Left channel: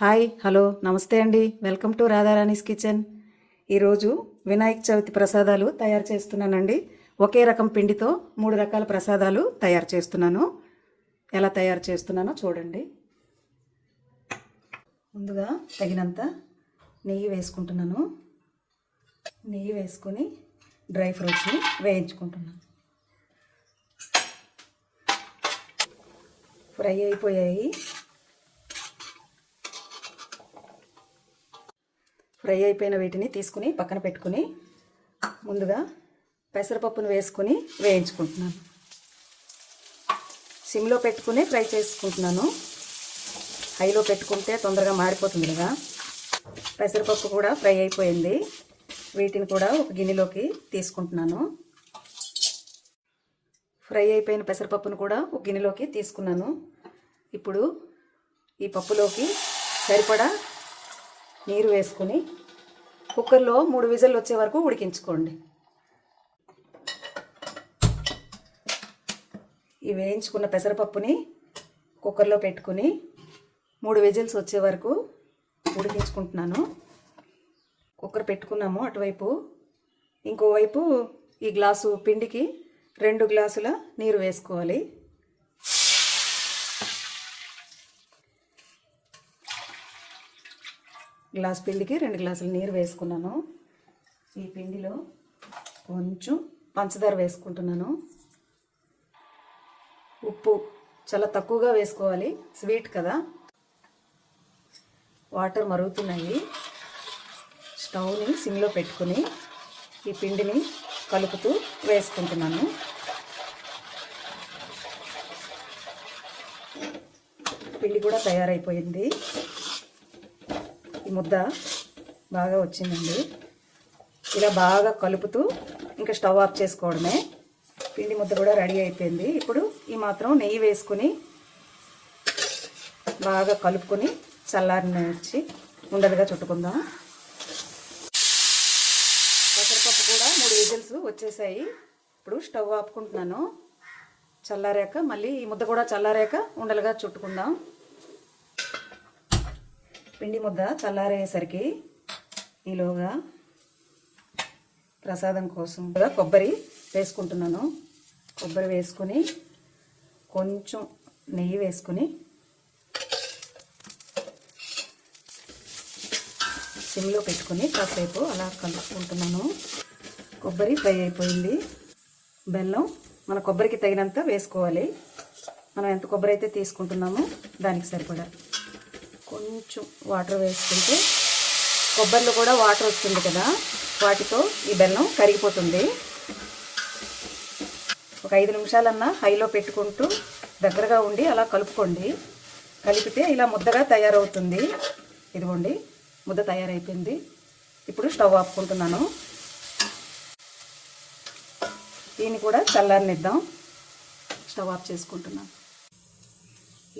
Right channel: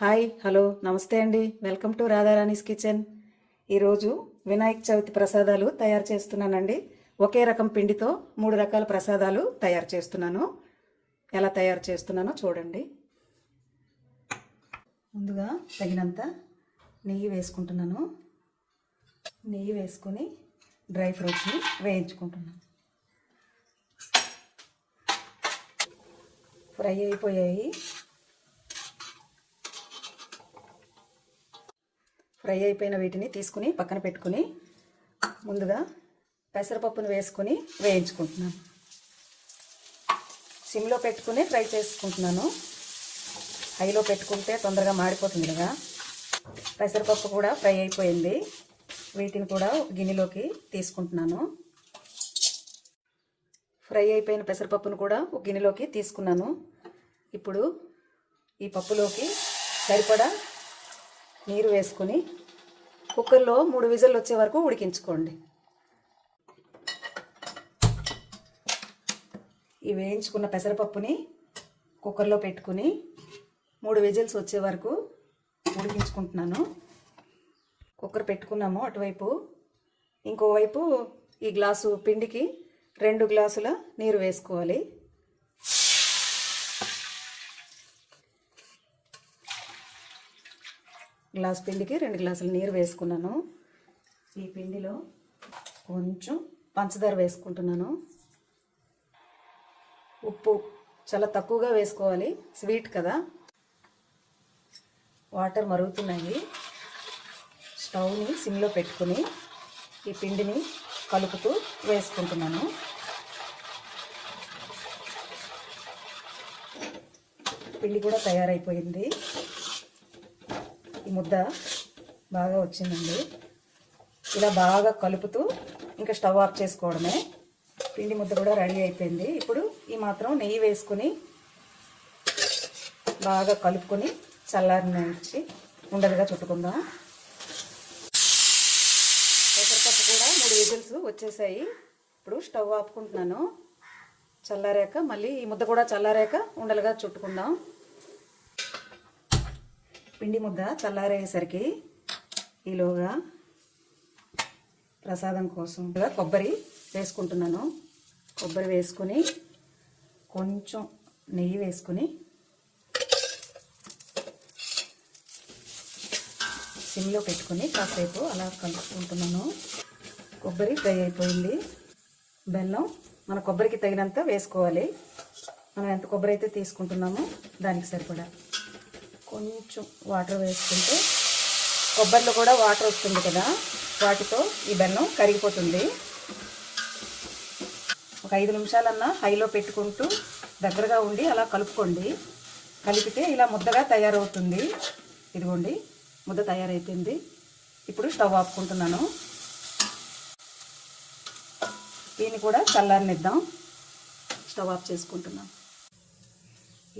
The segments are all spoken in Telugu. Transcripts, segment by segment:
హాయ్ హలో నమస్తే అండి. Welcome to Radharani's kitchen. ఈరోజు వినాయక చవితి ప్రసాదాలు తయారు చేస్తున్నానండి. ఒకే రకం పిండితో 3 రకాల ప్రసాదాలు తయారు చేస్తున్నాను. ఎలా తయారు చేస్తున్నానో చూడండి. ముందుగా తగినంత నెయ్యి వేసుకుంటున్నాను. నెయ్యి వేసుకొని డ్రై ఫ్రూట్స్ని వేయించుకుంటున్నాను. ఫ్రై అయిపోయాయి. ఫ్రై అయిపోయిన వీటిని తీసుకుని పక్కన పెట్టుకుని ముందుగా పెసరపప్పును వేసుకుని వేయించుకుంటున్నాను. సిమ్లో పెట్టుకుని ఫ్రై చేసుకుంటున్నాను. హైలో పెట్టుకుంటే తొందరగా మారిపోతుంది కదా. పెసరపప్పు కూడా ఫ్రై అయిపోయింది. వీటిని కూడా ఒక గిన్నెలోకి తీసుకుంటున్నాను. ఫ్రై అయిపోయిన పెసరపప్పును కూడా ఒక గిన్నెలోకి తీసుకున్నాను. ఇప్పుడు ఈ పప్పులోకి సరిపడా నీరు వేసుకుని కుక్కర్లో 3 విజిల్లు వచ్చే వరకు ఉడికించుకోండి. ఈ వేయించుకున్న పెసరపప్పుని కుక్కర్లో పెట్టుకుని 3 విజిల్స్ వచ్చే వరకు ఉడికించుకుంటున్నాను. కుక్కర్ పెట్టుకున్నాము అటువైపు. ఇంకోవైపు ఈ గ్లాసు పిండికి 2 గ్లాసుల నీరు వేసుకోవాలి. గ్లాస్ పిండికి 2 గ్లాసుల నీరు వేసుకున్నాను. ఈ పిండిలో కొంచెం పంచదార వేసుకుంటున్నాను. ఉప్పు చాలా తక్కువగా వేసుకోవాలి, స్వీట్ కదా. వాటర్ మరుగుతున్నాయి. స్టవ్ని సిమ్లో పెట్టుకుని ఈ పిండిని కలుపుతూ వేసుకుంటున్నాను. పిండి కూడా తయారైపోయింది. ఈ ముద్ద బాగా వచ్చిందండి. ఇలా బాగా కలుపుతూ ఇంకా స్టవ్ ఆఫ్ చేసుకోవడమే. పిండి ముద్ద కూడా రెడీ అయిపోయింది. ఇప్పుడు ఈ మాత్రం నెయ్యి వేసుకుని బాగా కలుపుకుని చల్లారనిచ్చి ఉండలుగా చుట్టుకుందాం. పెసరపప్పు కూడా 3 విజిల్స్ వచ్చేసాయి. ఇప్పుడు స్టవ్ ఆపుకుంటున్నాను. చల్లారాక మళ్ళీ ఈ ముద్ద కూడా చల్లారాక ఉండలుగా చుట్టుకుందాం. పిండి ముద్ద చల్లారేసరికి ఈలోగా ప్రసాదం కోసం కొబ్బరి వేసుకుంటున్నాను. కొబ్బరి వేసుకొని కొంచెం నెయ్యి వేసుకొని సిమ్లో పెట్టుకొని కాసేపు అలా కలుపుకుంటున్నాను. కొబ్బరి ఫ్రై అయిపోయింది. బెల్లం మన కొబ్బరికి తగినంత వేసుకోవాలి. మనం ఎంత కొబ్బరి అయితే తీసుకుంటున్నామో దానికి సరిపడా కొంచెం వాటర్ వేసుకుంటే కొబ్బరిలో కూడా వాటర్ వస్తుంది కదా, వాటితో ఈ బెల్లం కరిగిపోతుంది. ఒక 5 నిమిషాలన్నా హైలో పెట్టుకుంటూ దగ్గరగా ఉండి అలా కలుపుకోండి. కలిపితే ఇలా ముద్దగా తయారవుతుంది. ఇదిగోండి ముద్ద తయారైపోయింది. ఇప్పుడు స్టవ్ ఆపుకుంటున్నాను. దీన్ని కూడా చల్లారనిద్దాం. స్టవ్ ఆఫ్ చేసుకుంటున్నాను.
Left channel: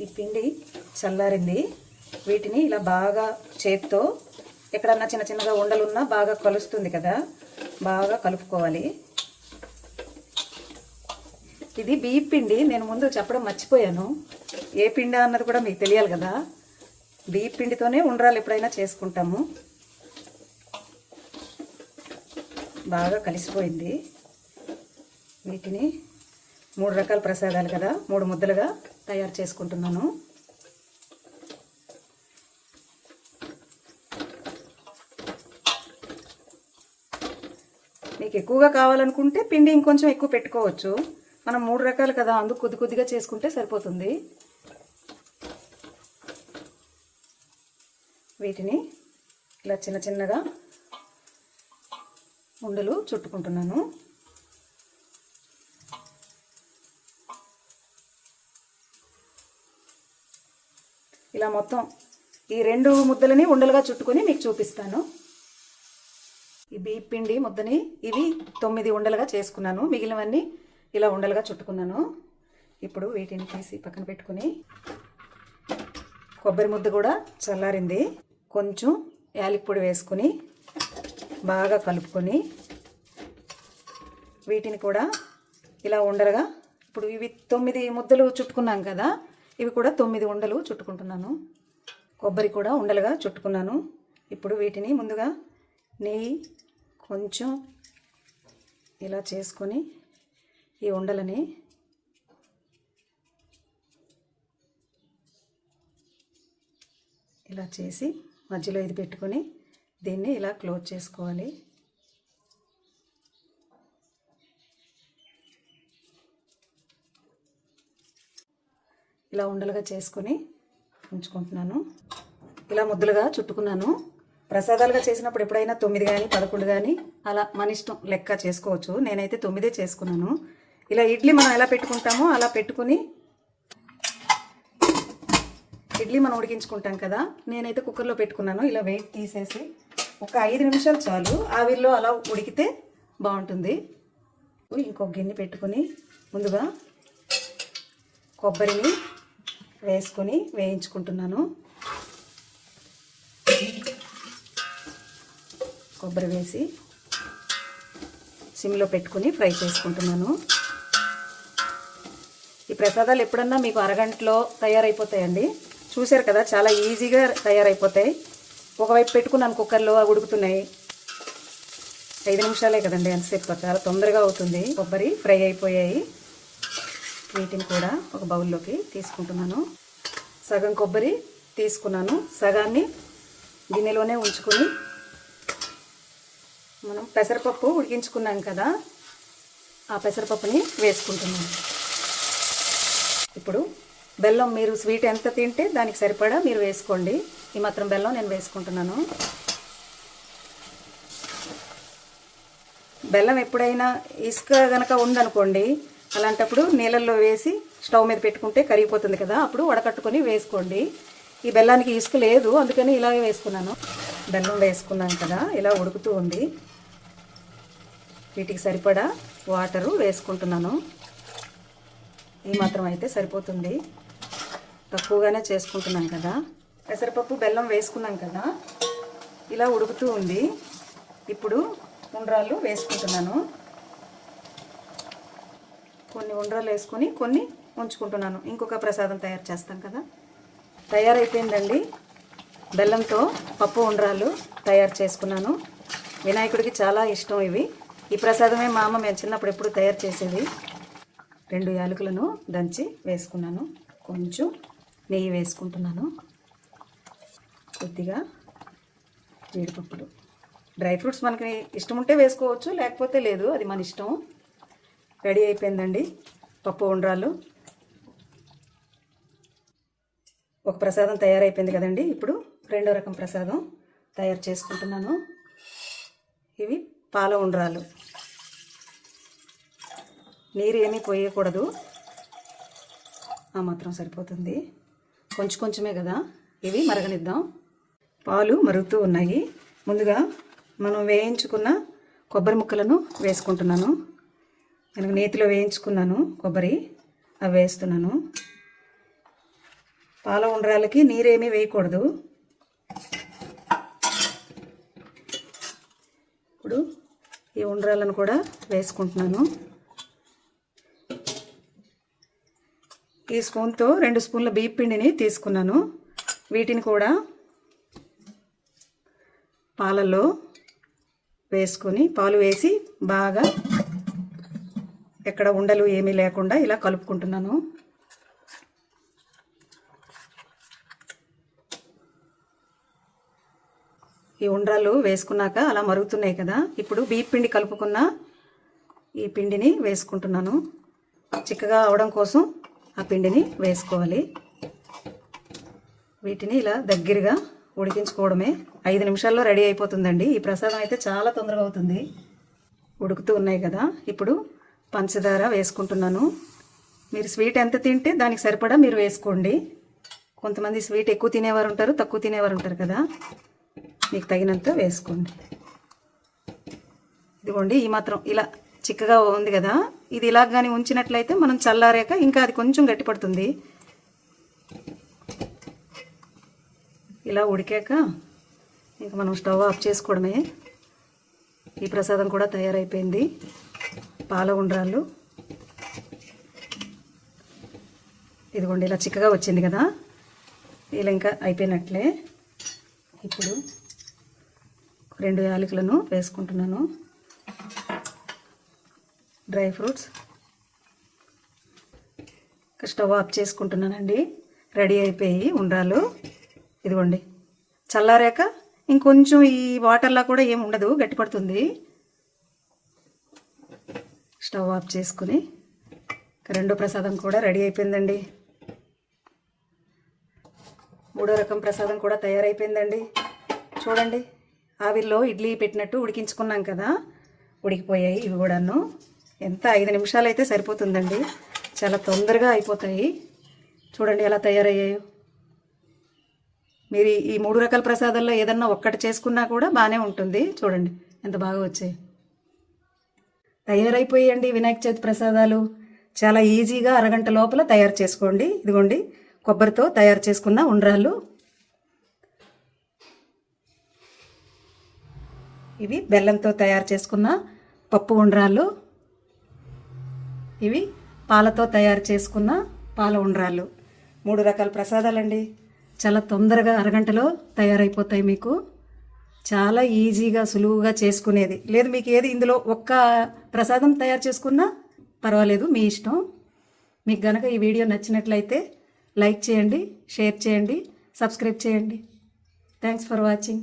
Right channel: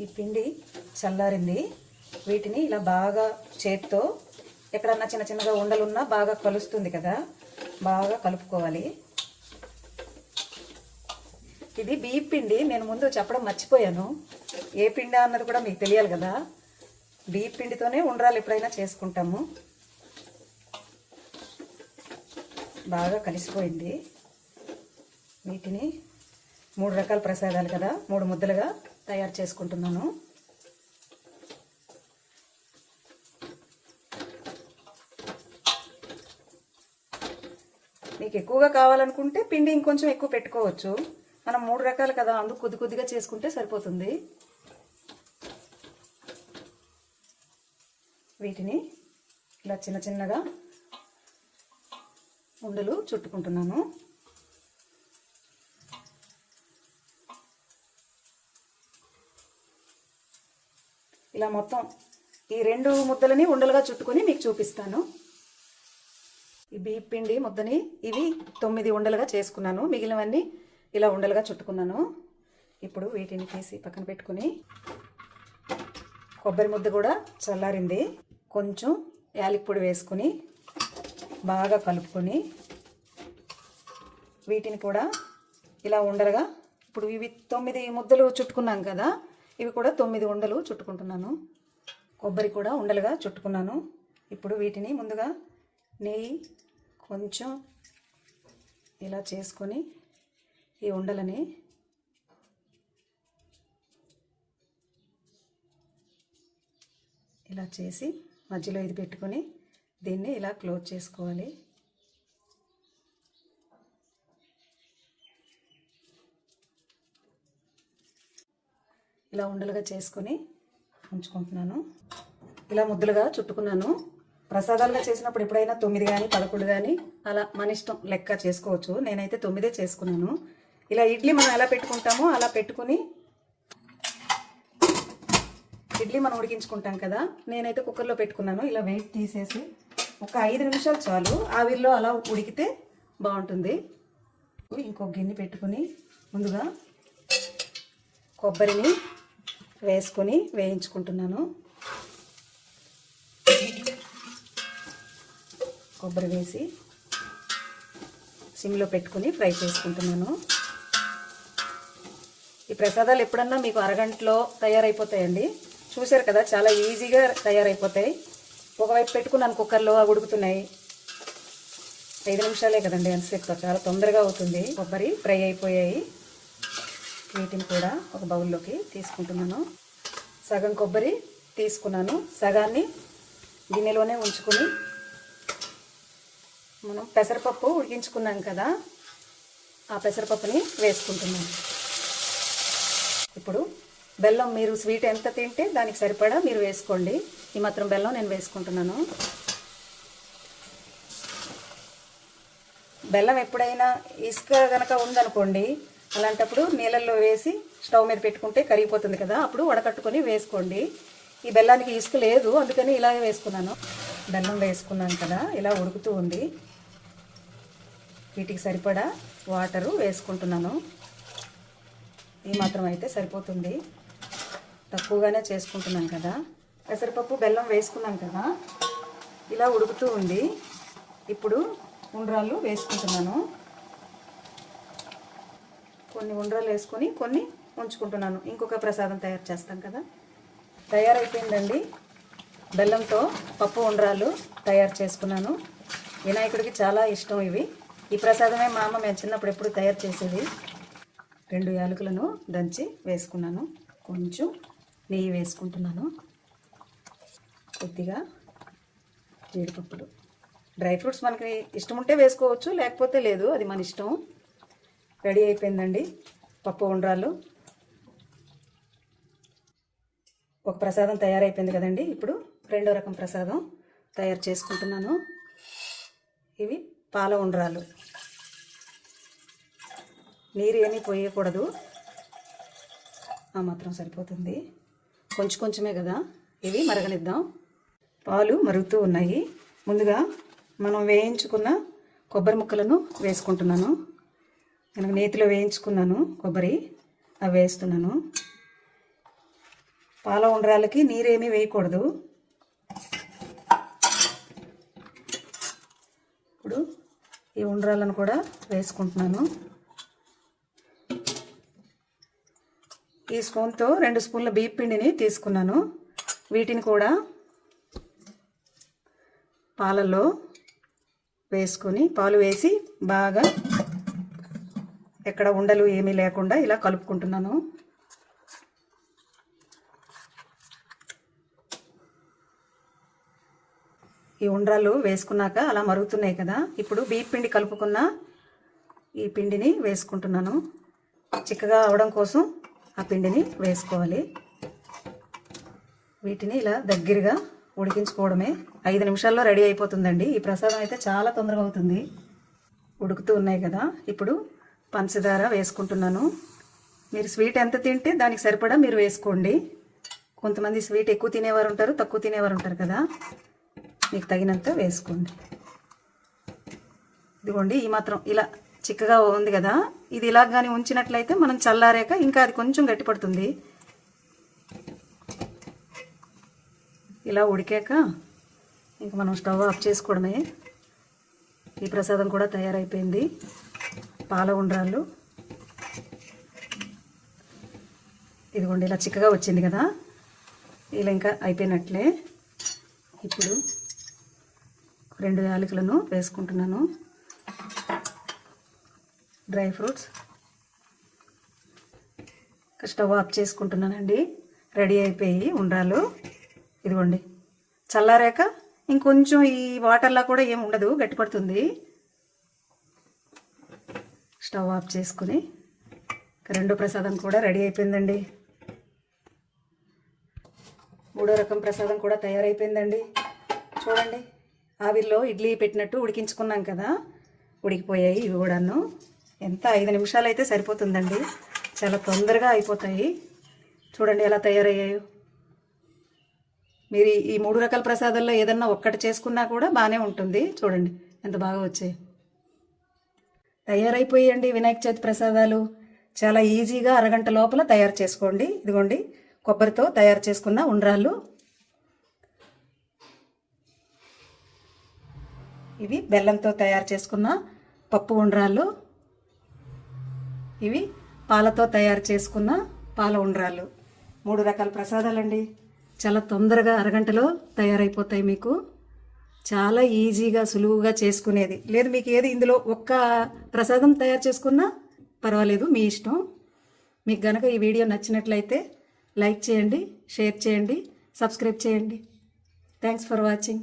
ఈ పిండి చల్లారింది. వీటిని ఇలా బాగా చేత్తో ఎక్కడన్నా చిన్న చిన్నగా ఉండలున్నా బాగా కలుస్తుంది కదా, బాగా కలుపుకోవాలి. ఇది బియ్య పిండి. నేను ముందు చెప్పడం మర్చిపోయాను. ఏ పిండి అన్నది కూడా మీకు తెలియాలి కదా. బియ్య పిండితోనే ఉండ్రాలు ఎప్పుడైనా చేసుకుంటాము. బాగా కలిసిపోయింది. వీటిని 3 రకాల ప్రసాదాలు కదా, 3 ముద్దలుగా తయారు చేసుకుంటున్నాను. మీకు ఎక్కువగా కావాలనుకుంటే పిండి ఇంకొంచెం ఎక్కువ పెట్టుకోవచ్చు. మనం 3 రకాలు కదా, అందుకు కొద్ది కొద్దిగా చేసుకుంటే సరిపోతుంది. వీటిని ఇలా చిన్న చిన్నగా ఉండలు చుట్టుకుంటున్నాను. ఇలా మొత్తం ఈ 2 ముద్దలని ఉండలుగా చుట్టుకొని మీకు చూపిస్తాను. ఈ బియ్య పిండి ముద్దని ఇవి 9 ఉండలుగా చేసుకున్నాను. మిగిలినవన్నీ ఇలా ఉండలుగా చుట్టుకున్నాను. ఇప్పుడు వీటిని తీసి పక్కన పెట్టుకుని కొబ్బరి ముద్ద కూడా చల్లారింది. కొంచెం యాలకి పొడి వేసుకుని బాగా కలుపుకొని వీటిని కూడా ఇలా ఉండలుగా, ఇప్పుడు ఇవి 9 ముద్దలు చుట్టుకున్నాం కదా, ఇవి కూడా 9 ఉండలు చుట్టుకుంటున్నాను. కొబ్బరి కూడా ఉండలుగా చుట్టుకున్నాను. ఇప్పుడు వీటిని ముందుగా నెయ్యి కొంచెం ఇలా చేసుకొని ఈ ఉండలని ఇలా చేసి మధ్యలో ఇది పెట్టుకొని దీన్ని ఇలా క్లోజ్ చేసుకోవాలి. ఇలా ఉండలుగా చేసుకొని ఉంచుకుంటున్నాను. ఇలా ముద్దలుగా చుట్టుకున్నాను. ప్రసాదాలుగా చేసినప్పుడు ఎప్పుడైనా 9 కానీ 11 కానీ అలా మన ఇష్టం లెక్క చేసుకోవచ్చు. నేనైతే 9 చేసుకున్నాను. ఇలా ఇడ్లీ మనం ఎలా పెట్టుకుంటామో అలా పెట్టుకొని ఇడ్లీ మనం ఉడికించుకుంటాం కదా, నేనైతే కుక్కర్లో పెట్టుకున్నాను. ఇలా వెయిట్ తీసేసి ఒక 5 నిమిషాలు చాలు, ఆవిరిలో అలా ఉడికితే బాగుంటుంది. ఇంకొక గిన్నె పెట్టుకొని ముందుగా కొబ్బరిని వేసుకొని వేయించుకుంటున్నాను. కొబ్బరి వేసి సిమ్లో పెట్టుకొని ఫ్రై చేసుకుంటున్నాను. ఈ ప్రసాదాలు ఎప్పుడన్నా మీకు అరగంటలో తయారైపోతాయండి. చూశారు కదా, చాలా ఈజీగా తయారైపోతాయి. ఒకవైపు పెట్టుకున్నాను కుక్కర్లో, ఉడుకుతున్నాయి. 5 నిమిషాలే కదండి, ఎంతసేపు చాలా తొందరగా అవుతుంది. కొబ్బరి ఫ్రై అయిపోయాయి. వీటిని కూడా ఒక బౌల్లోకి తీసుకుంటున్నాను. సగం కొబ్బరి తీసుకున్నాను. సగాన్ని గిన్నెలోనే ఉంచుకొని మనం పెసరపప్పు ఉడికించుకున్నాం కదా, ఆ పెసరపప్పుని వేసుకుంటున్నాను. ఇప్పుడు బెల్లం మీరు స్వీట్ ఎంత తింటే దానికి సరిపడా మీరు వేసుకోండి. ఈ మాత్రం బెల్లం నేను వేసుకుంటున్నాను. బెల్లం ఎప్పుడైనా ఇసుక గనక ఉందనుకోండి, అలాంటప్పుడు నీళ్ళల్లో వేసి స్టవ్ మీద పెట్టుకుంటే కరిగిపోతుంది కదా, అప్పుడు వడకట్టుకొని వేసుకోండి. ఈ బెల్లానికి ఇసుక లేదు, అందుకని ఇలాగే వేసుకున్నాను. బెల్లం వేసుకున్నాను కదా, ఇలా ఉడుకుతూ ఉంది. వీటికి సరిపడా వాటరు వేసుకుంటున్నాను. ఈ మాత్రం అయితే సరిపోతుంది, తక్కువగానే చేసుకుంటున్నాం కదా. పెసరపప్పు బెల్లం వేసుకున్నాం కదా, ఇలా ఉడుకుతూ ఉంది. ఇప్పుడు ఉండ్రాళ్ళు వేసుకుంటున్నాను. కొన్ని ఉండ్రాళ్ళు వేసుకొని కొన్ని ఉంచుకుంటున్నాను. ఇంకొక ప్రసాదం తయారు చేస్తాం కదా. తయారైపోయిందండి. బెల్లంతో పప్పు ఉండ్రాళ్ళు తయారు చేసుకున్నాను. వినాయకుడికి చాలా ఇష్టం ఇవి. ఈ ప్రసాదమే మా అమ్మ మేము చిన్నప్పుడు ఎప్పుడు తయారు చేసేది. 2 యాలకులను దంచి వేసుకున్నాను. కొంచెం నెయ్యి వేసుకుంటున్నాను. కొద్దిగా జీడిపప్పులు, డ్రై ఫ్రూట్స్ మనకి ఇష్టం ఉంటే వేసుకోవచ్చు, లేకపోతే లేదు, అది మన ఇష్టం. రెడీ అయిపోయిందండి పప్పు ఉండ్రాళ్ళు. ఒక ప్రసాదం తయారైపోయింది కదండి. ఇప్పుడు రెండో రకం ప్రసాదం తయారు చేసుకుంటున్నాను. ఇవి పాల ఉండ్రాళ్ళు. నీరు ఏమీ పోయకూడదు, ఆ మాత్రం సరిపోతుంది. కొంచెం కొంచెమే కదా, ఇవి మరగనిద్దాం. పాలు మరుగుతూ ఉన్నాయి. ముందుగా మనం వేయించుకున్న కొబ్బరి ముక్కలను వేసుకుంటున్నాను. నేను నేతిలో వేయించుకున్నాను కొబ్బరి, అవి వేస్తున్నాను. పాల ఉండ్రాలకి నీరేమీ వేయకూడదు. ఇప్పుడు ఈ ఉండ్రాలను కూడా వేసుకుంటున్నాను. ఈ స్పూన్తో 2 స్పూన్ల బియ్యం పిండిని తీసుకున్నాను. వీటిని కూడా పాలలో వేసుకుని, పాలు వేసి బాగా ఎక్కడ ఉండలు ఏమీ లేకుండా ఇలా కలుపుకుంటున్నాను. ఈ ఉండ్రాలు వేసుకున్నాక అలా మరుగుతున్నాయి కదా, ఇప్పుడు బియ్యం పిండి కలుపుకున్న ఈ పిండిని వేసుకుంటున్నాను. చిక్కగా అవడం కోసం ఆ పిండిని వేసుకోవాలి. వీటిని ఇలా దగ్గరగా ఉడికించుకోవడమే. 5 నిమిషాల్లో రెడీ అయిపోతుందండి. ఈ ప్రసాదం అయితే చాలా తొందరగా అవుతుంది. ఉడుకుతూ ఉన్నాయి కదా, ఇప్పుడు పంచదార వేసుకుంటున్నాను. మీరు స్వీట్ ఎంత తింటే దానికి సరిపడా మీరు వేసుకోండి. కొంతమంది స్వీట్ ఎక్కువ తినేవారు ఉంటారు, తక్కువ తినేవారు ఉంటారు కదా, మీకు తగినంత వేసుకోండి. ఇదిగోండి, ఈ మాత్రం ఇలా చిక్కగా ఉంది కదా, ఇది ఇలా కానీ ఉంచినట్లయితే మనం చల్లారాక ఇంకా అది కొంచెం గట్టిపడుతుంది. ఇలా ఉడికాక ఇంకా మనం స్టవ్ ఆఫ్ చేసుకోవడమే. ఈ ప్రసాదం కూడా తయారైపోయింది. పాల ఉండ్రాళ్ళు ఇదిగోండి ఇలా చిక్కగా వచ్చింది కదా, ఇలా ఇంకా అయిపోయినట్లే. ఇప్పుడు 2 యాలకులను వేసుకుంటున్నాను. డ్రై ఫ్రూట్స్ స్టవ్ ఆఫ్ చేసుకుంటున్నానండి. రెడీ అయిపోయి ఉండాలి. ఇదిగోండి, చల్లారాక ఇంకొంచెం ఈ వాటర్లా కూడా ఏం ఉండదు, గట్టిపడుతుంది. స్టవ్ ఆఫ్ చేసుకుని రెండో ప్రసాదం కూడా రెడీ అయిపోయిందండి. మూడో రకం ప్రసాదం కూడా తయారైపోయిందండి. చూడండి, ఆవిరిలో ఇడ్లీ పెట్టినట్టు ఉడికించుకున్నాం కదా, ఉడికిపోయాయి ఇవి కూడాను. ఎంత 5 నిమిషాలు అయితే సరిపోతుందండి, చాలా తొందరగా అయిపోతాయి. చూడండి ఎలా తయారయ్యాయో. మీరు ఈ 3 రకాల ప్రసాదాల్లో ఏదన్నా ఒక్కటి చేసుకున్నా కూడా బాగానే ఉంటుంది. చూడండి ఎంత బాగా వచ్చాయి. తయారైపోయాయండి వినాయక చవితి ప్రసాదాలు. చాలా ఈజీగా అరగంట లోపల తయారు చేసుకోండి. ఇదిగోండి, కొబ్బరితో తయారు చేసుకున్న ఉండ్రాళ్ళు. ఇవి బెల్లంతో తయారు చేసుకున్న పప్పు ఉండ్రాళ్ళు. ఇవి పాలతో తయారు చేసుకున్న పాల ఉండ్రాళ్ళు. 3 రకాల ప్రసాదాలండి. చాలా తొందరగా అరగంటలో తయారైపోతాయి. మీకు చాలా ఈజీగా సులువుగా చేసుకునేది లేదు. మీకు ఏది ఇందులో ఒక్క ప్రసాదం తయారు చేసుకున్నా పర్వాలేదు, మీ ఇష్టం. మీకు గనక ఈ వీడియో నచ్చినట్లయితే లైక్ చేయండి, షేర్ చేయండి, సబ్స్క్రైబ్ చేయండి. Thanks for watching.